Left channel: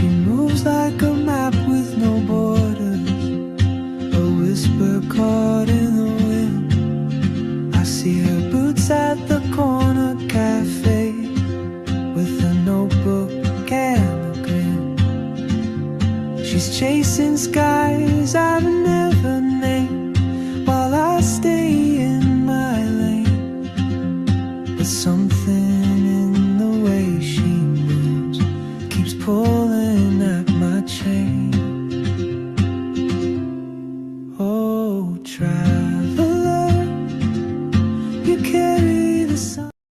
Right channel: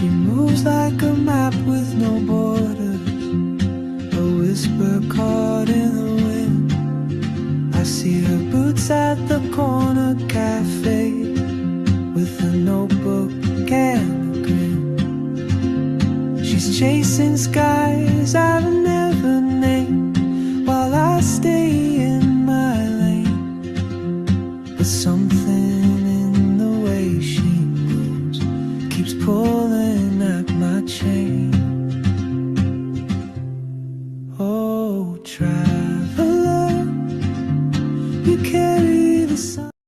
She moves like a map with no borders, a whisper caught in the wind. I see her boots at the corner cafe, with a notebook and a grin. She's chasing skies I've never named, while I stay in my lane. But some